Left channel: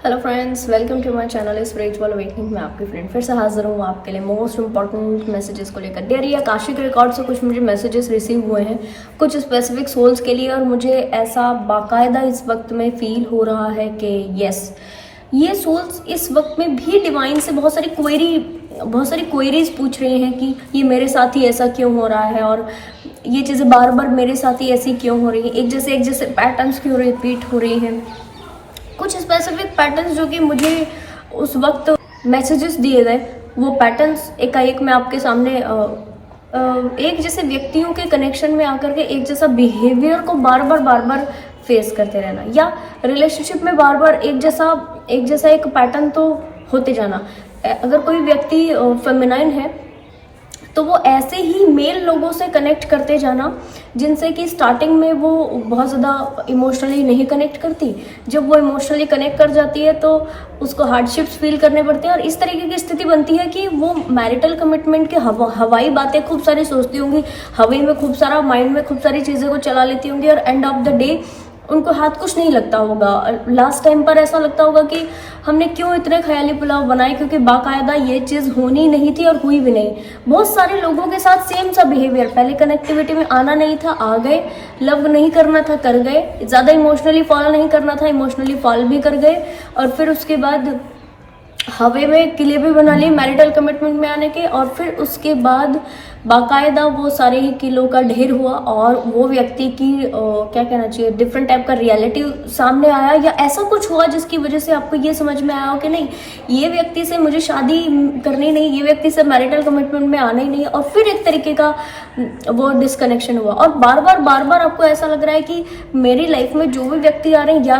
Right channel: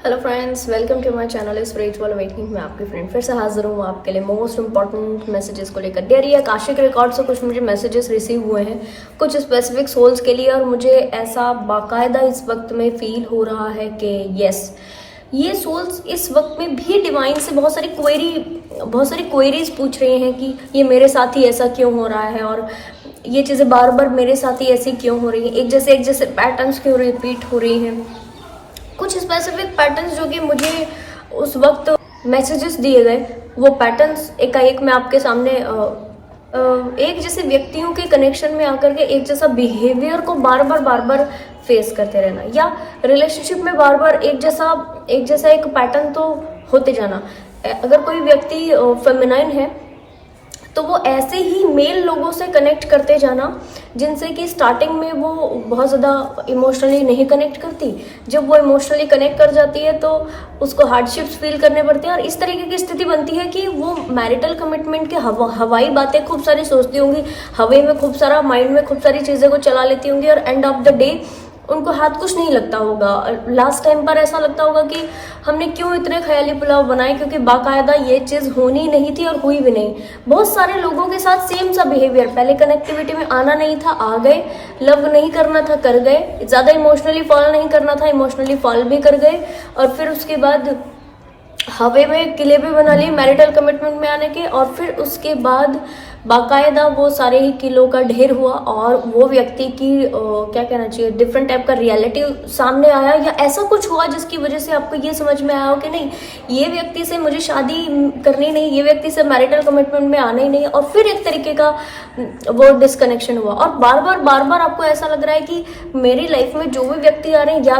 Hello friends, welcome to my channel spiritual awakening में आपकी friend फिर से हाजिर हूँ आपके लिए मोस्ट इंपॉर्टेंट मैसेजेस को लेकर। डेयर आकाशिक रिकॉर्ड से कुछ मुझे मैसेजेस रिसीव हुए हैं कुछ स्पेसिफिक सोल्स के लिए, और मुझे ऐसा बाकायदा इस वक्त में फील हो रहा है कि यस, ये सोल्स इस वक्त में भी डिवाइन से बहुत सारी क्वेरीज पूछ रही हैं कि ये मेरे साथ ही ऐसा क्यों हो रहा है, और ये चीज़ें बार बार मेरे साथ ही ऐसी क्यों हो रही हैं, एक जैसे पैटर्न्स क्यों रिपीट हो रही हैं। कुछ स्पेसिफिक पैटर्न्स जो कि मुझे उस वक्त मैसेजेस दिए गए, वो पैटर्न्स एकाएक मैं आपके सामने एक जैसे व्यक्तियों के कनेक्शन में आकर के एक जैसा बिहेवियर को बार बार फेस करते रहना, या रिलेशनशिप में बार बार एक जैसा एक पैटर्न तो होते जाना। अगर कोई व्यक्ति फेमिनाइन है तो वो ऐसे ही मेल लोगों से कनेक्ट करते जाना जिनसे कि स्टार्टिंग में वो बहुत ज़्यादा इमोशनली नहीं कनेक्ट करती। जब वो इमोशनली कनेक्ट कर जाती है तो उसको हार्डशिप्स फील करने पड़ते हैं, और इस तरीके की स्थिति बनती है कि वो मैरिटल कमिटमेंट के हवाई बातें खूब सारी सोचती होंगी, हवा में खूब सारा माइंड में खूब सारी चीज़ें को चला लेती होंगी, और एंड ऑफ द डे उनको हाथ कुछ नहीं लगता होगा। लास्ट टाइम पर ऐसा लगता होगा कि हमने क्यों इतने ख्याली पुलाव बनाए, क्योंकि बाकायदा ये चीज़ होनी नहीं थी और हुई भी नहीं। बहुत सारे लोगों के साथ सेम सा बिहेवियर, पहले कनेक्टिविटी में आना नहीं था, आ गए, लव नहीं करना था, कर गए, ज़्यादा इमोशनली फॉल नहीं करना था, इमोशनली फॉल भी कर गए, और फिर उसके बाद हवे में किले भी बना लिए मैरिटल कमिटमेंट में आने के, और फिर उसके बाद बाकायदा वो सारे ही किलों का ढेर हुआ, और वो व्यक्ति की क्या कहना चाहिए, डिफरेंट टाइप का रियलिटी सामने आया, या ऐसा कुछ हुआ जिसकी वजह से आपको ये समझ में आया हो कि नहीं, ये व्यक्ति से मुझे शादी करनी नहीं, ये व्यक्ति से मैरिटल कमिटमेंट में आना ही नहीं, और फिर एक तरीके का वो डिस्कनेक्शन हुआ। और बार बार आपको ऐसा लग रहा है कि मेरी लाइफ में जो भी व्यक्ति आ रहे हैं, या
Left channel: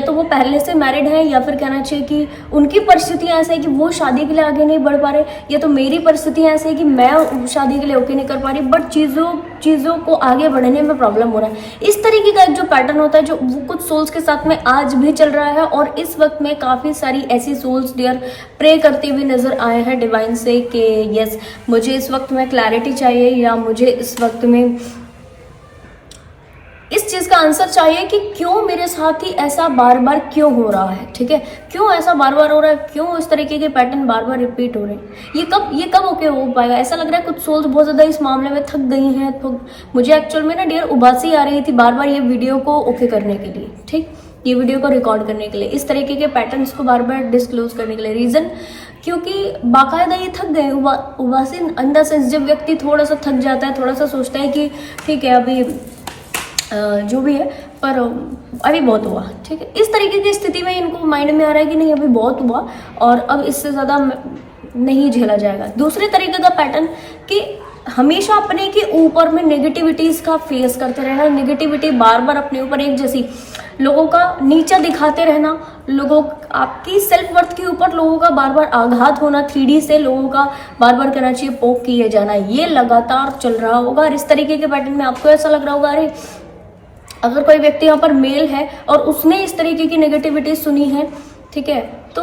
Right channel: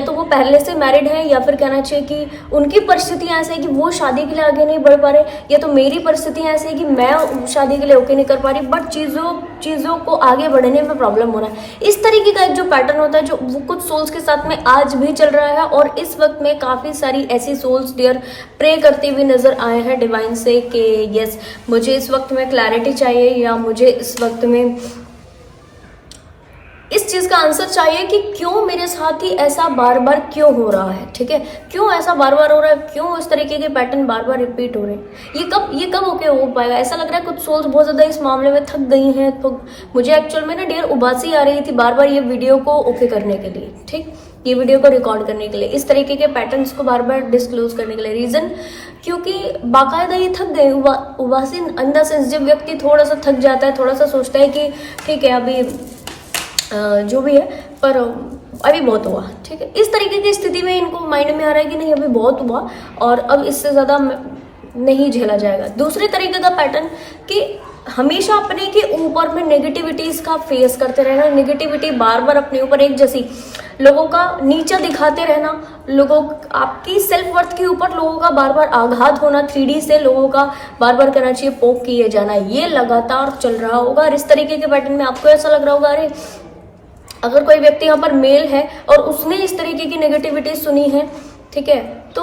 तो वो पहले से मैरिड है, या फिर कहना चाहिए कि उनकी परिस्थितियां ऐसे है कि वो शादी के लिए आगे नहीं बढ़ पा रहे, या तो मेरी परिस्थितियां ऐसे है कि मैं शादी के लिए ओके नहीं कर पा रही, बट चीज़ों को आगे बढ़ने में प्रॉब्लम हो रहा है। इस तरीके का एक जो पैटर्न होता है, जो वो कुछ सोल्स के साथ में आज भी चल रहा है, और इस वक्त में काफ़ी सारी ऐसी सोल्स डियर प्रे करते हुए नजर आए हैं डिवाइन से कि यस, मुझे इस वक्त में क्लैरिटी चाहिए, या मुझे इस वक्त में इस चीज का आंसर चाहिए कि क्यों मेरे साथ ही ऐसा बार बार क्यों हो रहा है। ठीक है, क्यों ऐसा बार बार हो रहा है, क्यों इस तरीके के पैटर्न बार बार रिपीट हो रहे हैं, ये कब ओके हो पाएगा। ऐसा लग रहा है कुछ सोल्स बहुत ज्यादा इस मामले में थक गई हैं। तो मुझे एक्चुअल में ना डियर उबासी आ रही थी बार बार ये वीडियो को ओके करने के लिए, ठीक, ये वीडियो को रिकॉर्ड करने के लिए, इस तरीके के पैटर्न्स को बार बार डिस्क्लोज करने के लिए। रीजन क्योंकि बाकायदा ये थक गए। उबासी इन द सेंस, जब व्यक्ति थोड़ा सा थक जाता है, थोड़ा सा सोचता है कि ठीक है अभी जो भी है, पर अभी बहुत हुआ, ठीक है, इस तरीके की स्थिति में इनको माइंड में आ रहा है कि नहीं अभी बहुत हुआ और अब इससे ज़्यादा नहीं झेला जाएगा। दूसरे तरीके का पैटर्न कि हमेशा अपने के ऊपर में नेगेटिविटीज का फेस करते रहना, नेगेटिविटी बार बार अपने ऊपर एक जैसी, लोगों का नीचा दिखाते रहना, लोगों आपकी सेल्फ वर्थ के ऊपर लोगों का बार बार आघात होना, 3D से लोगों का बार बार कहना चाहिए पोक किए जाना, ये लगातार चल रहा होगा। और इस तरीके के पैटर्न में आपको ऐसा लग रहा होगा अरे अगर कोई व्यक्ति यहाँ पर मेल है और उसने इस तरीके की नेगेटिविटी सुनी है, ठीक है, तो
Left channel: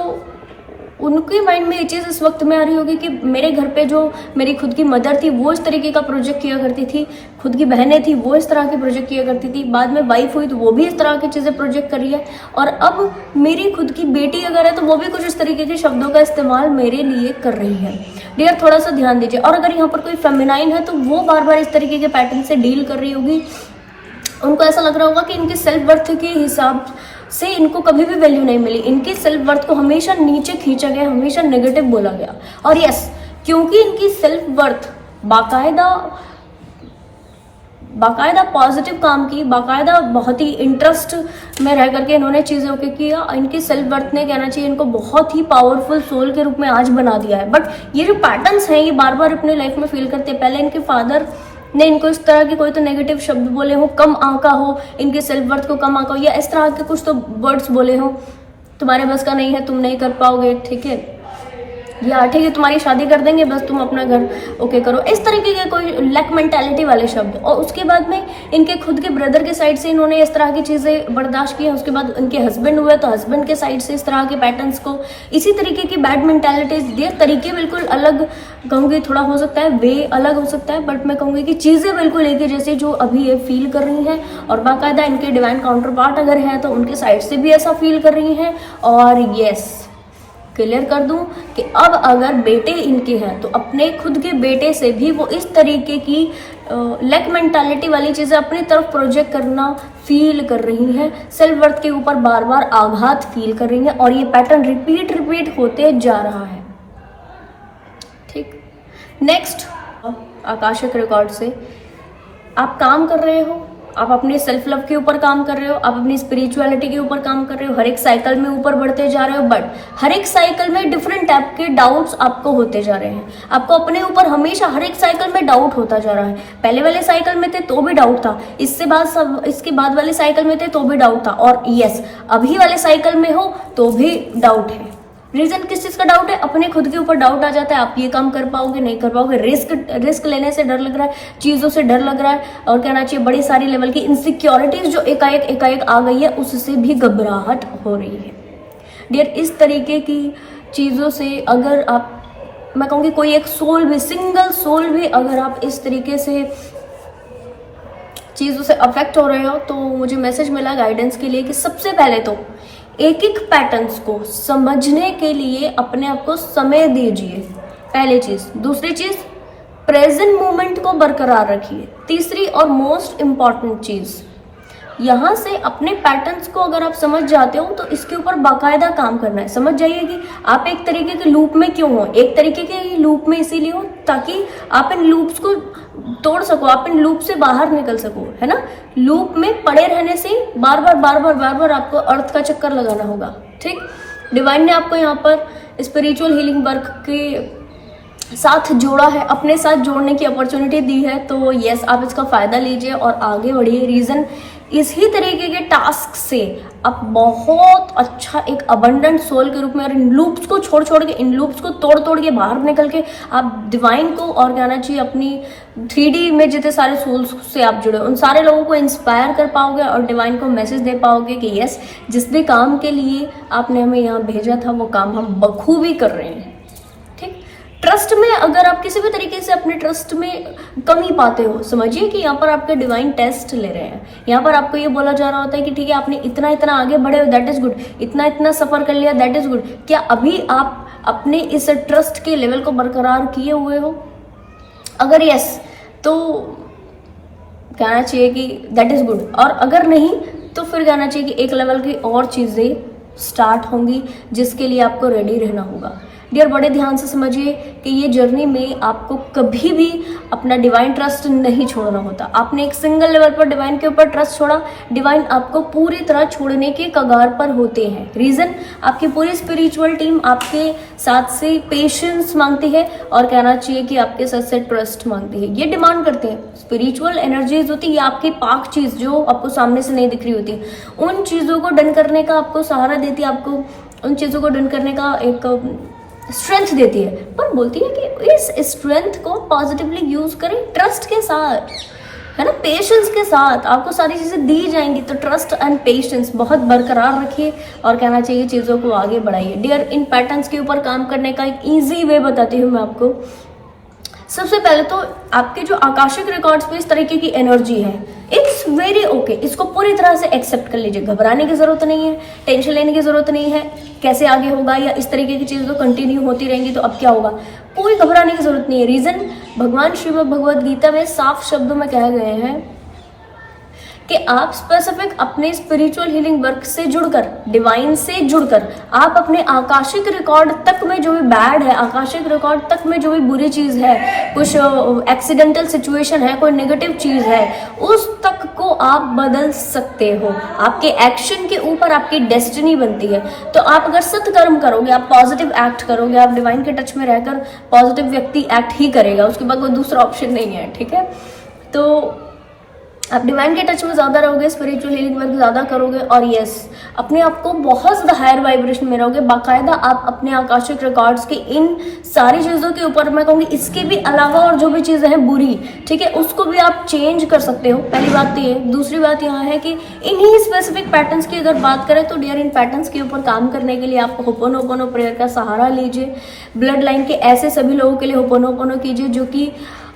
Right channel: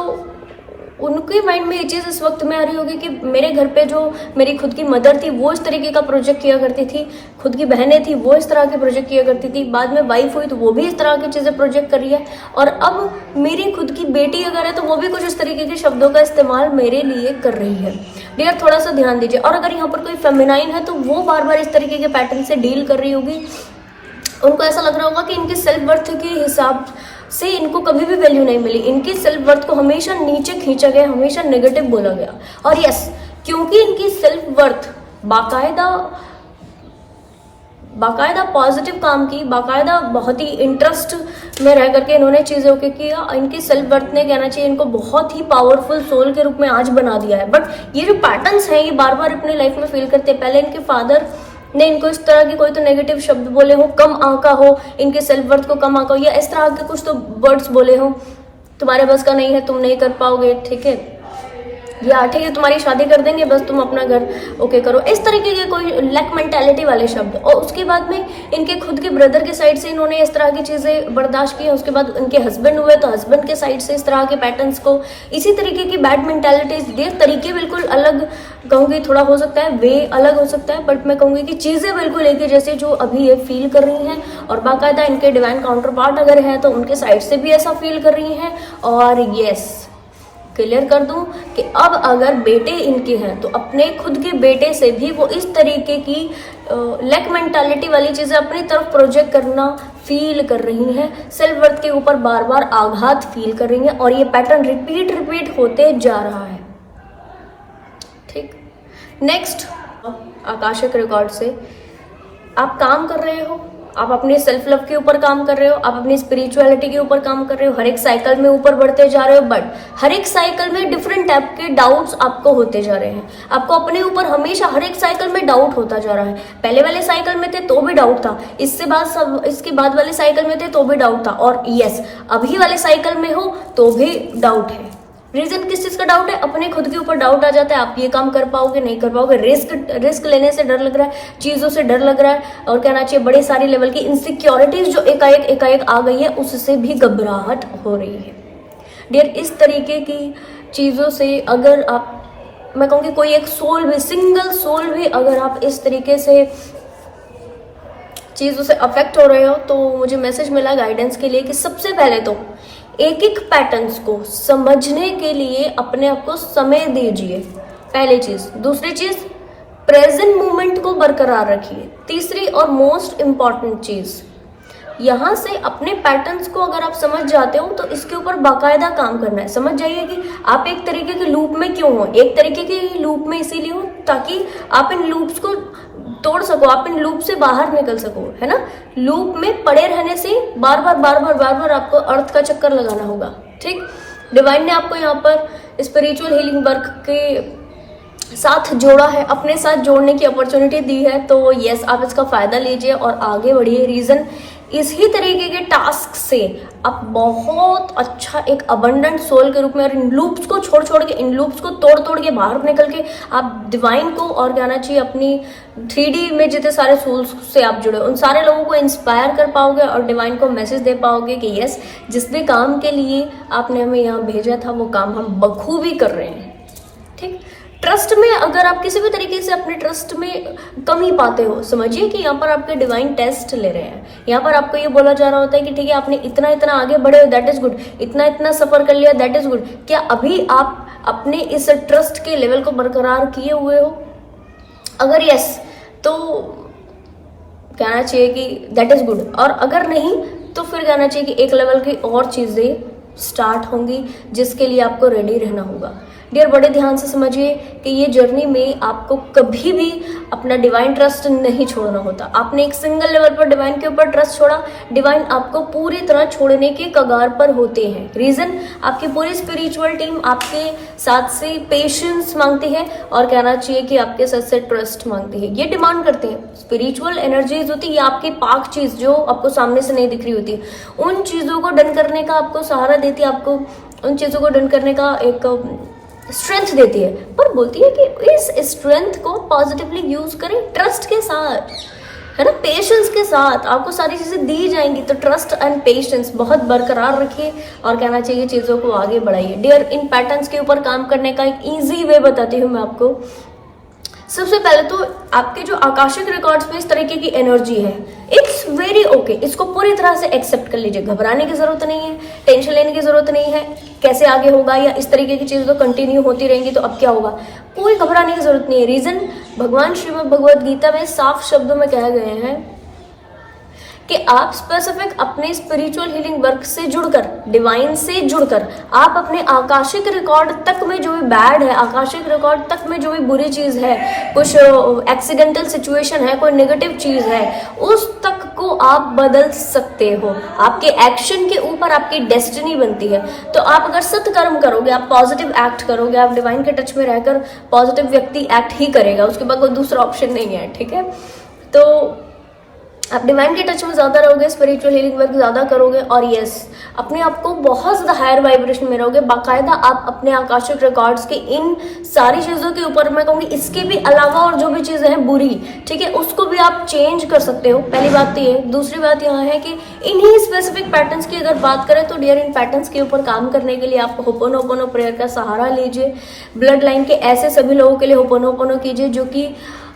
उनके माइंड में ये चीज़ इस वक्त में आ रही होगी कि मेरे घर पे जो मेरी खुद की मदर थी वो इस तरीके का प्रोजेक्ट किया करती थी, खुद की बहनें थी वो इस तरह के प्रोजेक्ट किया करती थी, बाद में वाइफ हुई तो वो भी इस तरह की चीज़ें प्रोजेक्ट कर रही है, और अब मेरी खुद की बेटी अगर है तो वो भी कुछ इस तरीके के शब्दों का इस्तेमाल मेरे लिए कर रही है। डियर थोड़ा सा ध्यान दीजिए। और अगर यहाँ पर कोई फेमिनाइन है तो वो बार बार इस तरीके के पैटर्न से डील कर रही होगी। उनको ऐसा लग रहा होगा कि इनके सेल्फ वर्थ के हिसाब से इनको कभी भी वैल्यू नहीं मिली, इनकी सेल्फ वर्थ को हमेशा नीचे खींचा गया, हमेशा नेगेटिव बोला गया। और यस, क्योंकि इनकी सेल्फ वर्थ बाकायदा पॉजिटिव काम की, बाकायदा बहुत ही इंटरेस्ट में रह करके इन्होंने चीजें ओके किया, इनकी सेल्फ वर्थ ने कहना चाहिए इनको बहुत ही पावरफुल सोल के रूप में आज बना दिया है। बट ये जो पैटर्न्स हैं ये बार बार अपनी लाइफ में फील करते हैं। पहले इनके फादर ने इनको इस तरह के कोई तो नेगेटिव शब्द बोले हो, कम आंका हो, इनके सेल्फ वर्थ को कम आंका हो, या इस तरह के कुछ तो वर्ड्स बोले हो, तुम्हारे बस का नहीं है, तुम नहीं कर पाओगे, ठीक है, या ठीक है तुम्हारी शादी कर देंगे, बस तुम अपना घर ओके करो, इस तरीके के कोई लैक मेंटालिटी वाले शब्द। और उसके बाद में इनके खुद के ब्रदर के साइड से इन्होंने इस तरह की चीजें बर्दाश्त की हैं। उसके बाद इनके हस्बैंड हुए तो हस्बैंड के साइड से इस तरह के पैटर्न्स को, इसी तरीके की बैड मेंटालिटीज दिए। तरीके बिल्कुल अलग कहूंगी, थोड़ा हो सकता है वे अलग हो सकता है, बट मैं कहूंगी कि चीजें बिल्कुल एक ही जैसी जो अभी ये फील कर रही हैं। और बाकायदा इनके डिवाइन काउंटर पार्ट अगर है तो उनके साइड से भी ऐसा फील कर रही हैं। और यस, क्लियर कर दूं कि अब अगर बेटे इनके हैं तो अपने खुद के बेटे से भी वो इस तरीके की लैक मेंटालिटी वाली चीजें अपनी तरफ प्रोजेक्ट करना फील कर रही हैं। सेल्फ वर्थ के ऊपर बार बार आघात फील कर रही हैं और ये पैटर्न रिपीट होते जा रहा है। ठीक, नेक्स्ट आकाशिक रिकॉर्ड से आप काम कर रहे हो, आप अपने सेल्फ लव के ऊपर काम कर रहे हो, आप अपनी स्पिरिचुअलिटी के ऊपर काम कर रहे हो, हर एक साइकिल में ऊपर बढ़ते जा रहे हो, बट हर एक साइकिल में डिफरेंट टाइप के डाउट्स आपको होते जा रहे हैं। आपको अपने ऊपर हमेशा हर एक साइकिल में डाउट होता जा रहा है। पहले वाले साइकिल में थे तो भी डाउट था, इसके बाद वाले साइकिल में थे तो भी डाउट था, और यस अभी वाले साइकिल में हो तो भी डाउट है। रीजन किस चीज का डाउट है? अपने खुद के ऊपर डाउट आ जाता है, आप ये काम कर पाओगे नहीं कर पाओगे, रिस्क लेने से डर लग रहा है, चीजों से डर लग रहा है, और कहना चाहिए बड़े सारी लेवल की इनसिक्योरिटीज जो एकाएक आ गई है उससे भी घबराहट हो रही है। डियर, इस तरीके की चीजों से अगर आप, मैं कहूँगी कोई एक सोल भी, सिंगल सोल भी अगर आप इस तरीके से चीजों से अफेक्ट हो रहे हो तो मुझे मैसेज मिला गाइडेंस के लिए कि सबसे पहले तो एक एक पैटर्न्स को समझने के लिए अपने आप को समय दीजिए, पहली चीज। दूसरी चीज, प्रेजेंट मोमेंट को बरकरार रखिए। तीसरी और मोस्ट इंपॉर्टेंट चीज, यहाँ से अपने पैटर्न्स को अगर आप समझ जाते हो तो इसके ऊपर बाकायदा काम करना है। समझ जाइए कि आप एक तरीके के लूप में क्यों हो। एक तरीके के लूप में इसीलिए हो ताकि आप इन लूप्स को तोड़ सको, आप इन लूप से बाहर निकल सको, है ना। लूप में पड़े रहने से बार बार आपको अर्थ का चक्कर लगाना होगा। ठीक, डिवाइन ने आपको यहाँ पर स्पिरिचुअल हीलिंग वर्क के साथ जोड़ा है, अपने साथ जोड़ने की अपॉर्चुनिटी दी है, तो यस आप इसका फायदा लीजिए और आगे बढ़िए। रीजन, इसी तरीके के टास्क से आप बहुत अच्छा एक अबंडेंट सोल के रूप में, और इन लूप्स को छोड़ के, इन लूप्स को तोड़ के बाहर निकल के आप डिवाइन को, और कहना चाहिए अपनी 3D में जितने सारे सोल्स से आप जुड़े उन सारे लोगों को इंस्पायर कर पाओगे और डिवाइन को मैसेज दे पाओगे कि यस जिस भी काम के लिए आपने हमें यहाँ भेजा था वो काम हम बखूबी कर रहे हैं। ठीक, ट्रस्ट में अगर आप किसी भी तरीके से अपने ट्रस्ट में कमी पाते हो, समझिए कि यहाँ पर आपके डिवाइन टेस्ट ले रहे हैं। यहाँ पर आपको ये बोला जा रहा होता है कि ठीक है आपने इतना आगे बढ़े हो, दैट इज गुड, इतना सफर कर लिया, दैट इज गुड। क्या अभी आप अपने इस ट्रस्ट के लेवल को बरकरार किए हुए हो? अगर यस तो कहना चाहिए कि दैट इज गुड, और अगर नहीं तो फिर कहना चाहिए कि एक लेवल की और चीजें स्टार्ट होंगी जिसके लिए आपको रेडी रहना होगा। डियर, बड़े ध्यान से समझिए कि ये जर्नी में आपको कभी भी अपना डिवाइन ट्रस्ट नहीं छोड़ना होता। आपने एक सिंगल लेवल पर डिवाइन के ऊपर ट्रस्ट छोड़ा, डिवाइन आपको पूरी तरह छोड़ने के कगार पर होते हैं। रीजन, आपकी पूरी स्पिरिचुअल टीम आपके साथ से पेशेंस मांगती है, और कहना चाहिए कि आपके साथ से ट्रस्ट मांगती है। ये डिमांड करते हैं। स्पिरिचुअल एनर्जीज होती है आपकी पाक चीज जो आपको सामने से नहीं दिख रही होती, उन चीजों को डन करने का आपको सहारा देती है, आपको उन चीजों को डन करने का एक स्ट्रेंथ देती है, पर बोलती है कि इस स्ट्रेंथ को पॉजिटिवली यूज करें, ट्रस्ट के साथ, है ना, पेशेंस के साथ। आपको सारी चीजें दी जाएंगी, तो ट्रस्ट एंड पेशेंस बहुत बरकरार रखिए और कहना चाहिए चीजों को आगे बढ़ाइए। डियर, इन पैटर्न्स के ऊपर काम करने का एक इजी वे बताती हूँ मैं आपको। सबसे पहले तो आपके जो आकाशिक रिकॉर्ड्स में इस तरीके की एनर्जी है, इट्स वेरी ओके, इसको पूरी तरह से एक्सेप्ट कर लीजिए। घबराने की जरूरत नहीं है, टेंशन लेने की जरूरत नहीं है, कैसे आगे होगा या इस तरीके की चीजें तो कंटिन्यू होती रहेंगी तो अब क्या होगा, कोई घबराने की जरूरत नहीं है। रीजन, भगवान श्रीमद् भगवद गीता में साफ शब्दों में कहे गए हैं कि आप स्पेसिफिक अपने स्पिरिचुअल हीलिंग वर्क से जुड़कर, डिवाइन से जुड़कर, आप अपने आकाशिक रिकॉर्ड तक में जो भी बैड है, आकाशिक रिकॉर्ड तक में जो भी बुरी चीज है, कुछ एक्सीडेंटल सिचुएशन है, कोई नेगेटिव चीज है, उस तक को आप बदल सकते हो। आपके एक्शन के ऊपर आपकी डेस्टिनी बनती है। तो आप अगर सत्कर्म करोगे, आप पॉजिटिव एक्ट करोगे, आप डिवाइन के टच में रहकर पॉजिटिव व्यक्ति एक्ट ही करेगा, उसके बाद कोई दूसरा ऑप्शन नहीं है। ठीक है, तो आप डिवाइन के टच में ज्यादा रहोगे, स्पिरिचुअल हीलिंग वर्क ज्यादा करोगे, और यस अपने आप को बहुत ज़्यादा हायर वाइब्रेशन में रहोगे। बाकायदा आप अपने आकाशिक रिकॉर्ड्स के इन सारी चीज़ों के ऊपर, मैं कहूँगी इसके भी अलावा और जो भी चीज़ें हैं बुरी, ठीक है, उसको भी आप चेंज कर सकते हो। पहली बात तो ये। दूसरी बात यहाँ है कि इन्हीं स्पेसिफिक पैटर्न्स की अगर बात करें तो डियर, इन पैटर्न्स के ऊपर काम करने के लिए आप होपोनोपोनो प्रेयर का सहारा लीजिए। ब्लड लाइन के ऐसे सभी लोगों के लिए होपोनोपोनो कीजिए जो कि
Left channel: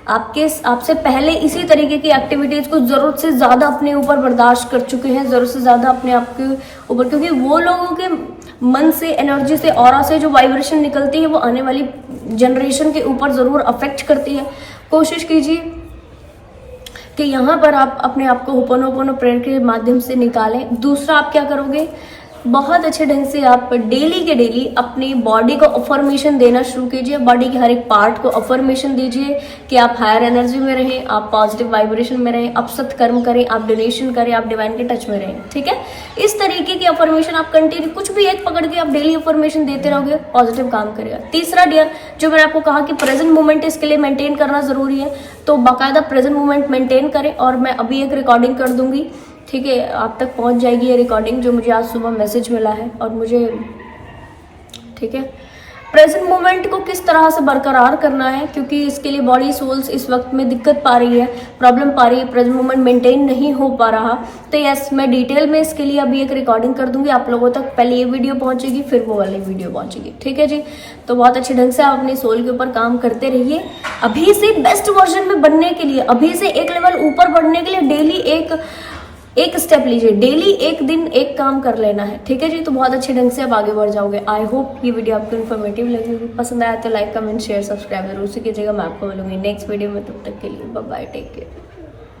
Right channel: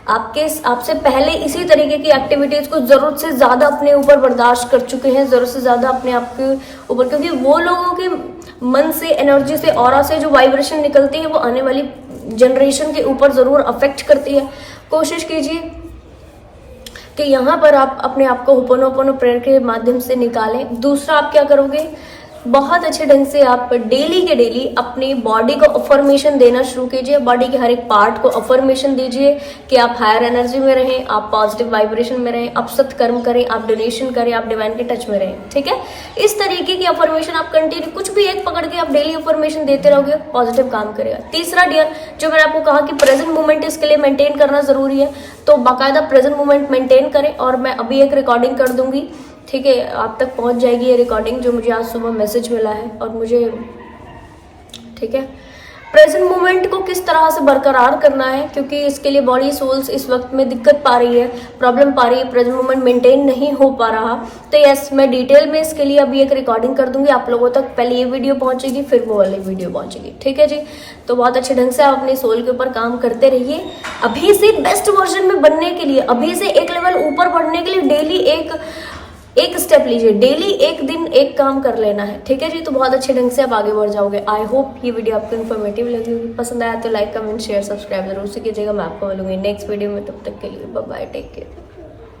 आपसे पहले इसी तरीके की एक्टिविटीज को जरूरत से ज्यादा अपने ऊपर बर्दाश्त कर चुके हैं, जरूरत से ज्यादा अपने आप के ऊपर, क्योंकि वो लोगों के मन से, एनर्जी से, ऑरा से जो वाइब्रेशन निकलती है वो आने वाली जनरेशन के ऊपर जरूर अफेक्ट करती है। कोशिश कीजिए कि यहाँ पर आप अपने आप को होपोनोपोनो प्रेयर के माध्यम से निकालें। दूसरा, आप क्या करोगे, बहुत अच्छे ढंग से आप डेली के डेली अपनी बॉडी को अफर्मेशन देना शुरू कीजिए। बॉडी के हर एक पार्ट को अफर्मेशन दीजिए कि आप हायर एनर्जी में रहें, आप पॉजिटिव वाइब्रेशन में रहें, आप सत्कर्म करें, आप डोनेशन करें, आप डिवाइन के टच में रहें, ठीक है। इस तरीके की अफर्मेशन आप कंटिन्यू, कुछ भी एक पकड़ के आप डेली अफर्मेशन देते रहोगे, पॉजिटिव काम करेगा। तीसरा डियर, जो मैंने आपको कहा कि प्रेजेंट मोमेंट इसके लिए मेंटेन करना जरूरी है, तो बाकायदा प्रेजेंट मोमेंट मेंटेन करें। और मैं अभी एक रिकॉर्डिंग कर दूंगी, ठीक है, आप तक पहुंच जाएगी ये रिकॉर्डिंग, जो मुझे आज सुबह मैसेज मिला है। और मुझे, ठीक है, प्रेजेंट मोमेंट को किस तरह से बरकरार करना है, क्योंकि इसके लिए बॉडी सोल्स इस वक्त में दिक्कत पा रही है, प्रॉब्लम पा रही है, प्रेजेंट मोमेंट मेंटेन नहीं हो पा रहा। तो यस, मैं डिटेल में इसके लिए अभी एक रिकॉर्डिंग कर दूंगी आप लोगों तक। पहले ये वीडियो पहुंचेगी, फिर वो वाली वीडियो पहुंचेगी, ठीक है जी। तो बहुत अच्छे ढंग से आप अपने सोल के ऊपर काम करते रहिए। अभी से बेस्ट वर्जन में बनने के लिए, अभी से एक लेवल ऊपर बढ़ने के लिए डेली एक स्टेप लीजिए, डेली एक दिन एक काम कर लेना है, ठीक है जी। तो बहुत अच्छे ढंग से आप आगे बढ़ जाओगे। आई होप ये वीडियो आपको इन्फॉर्मेटिव लगी होगी। पसंद आया तो लाइक, कमेंट, शेयर, सब्सक्राइब जरूर से कीजिएगा। मैं आपको मिलूंगी नेक्स्ट वीडियो में, तब तक के लिए बाय बाय, टेक केयर।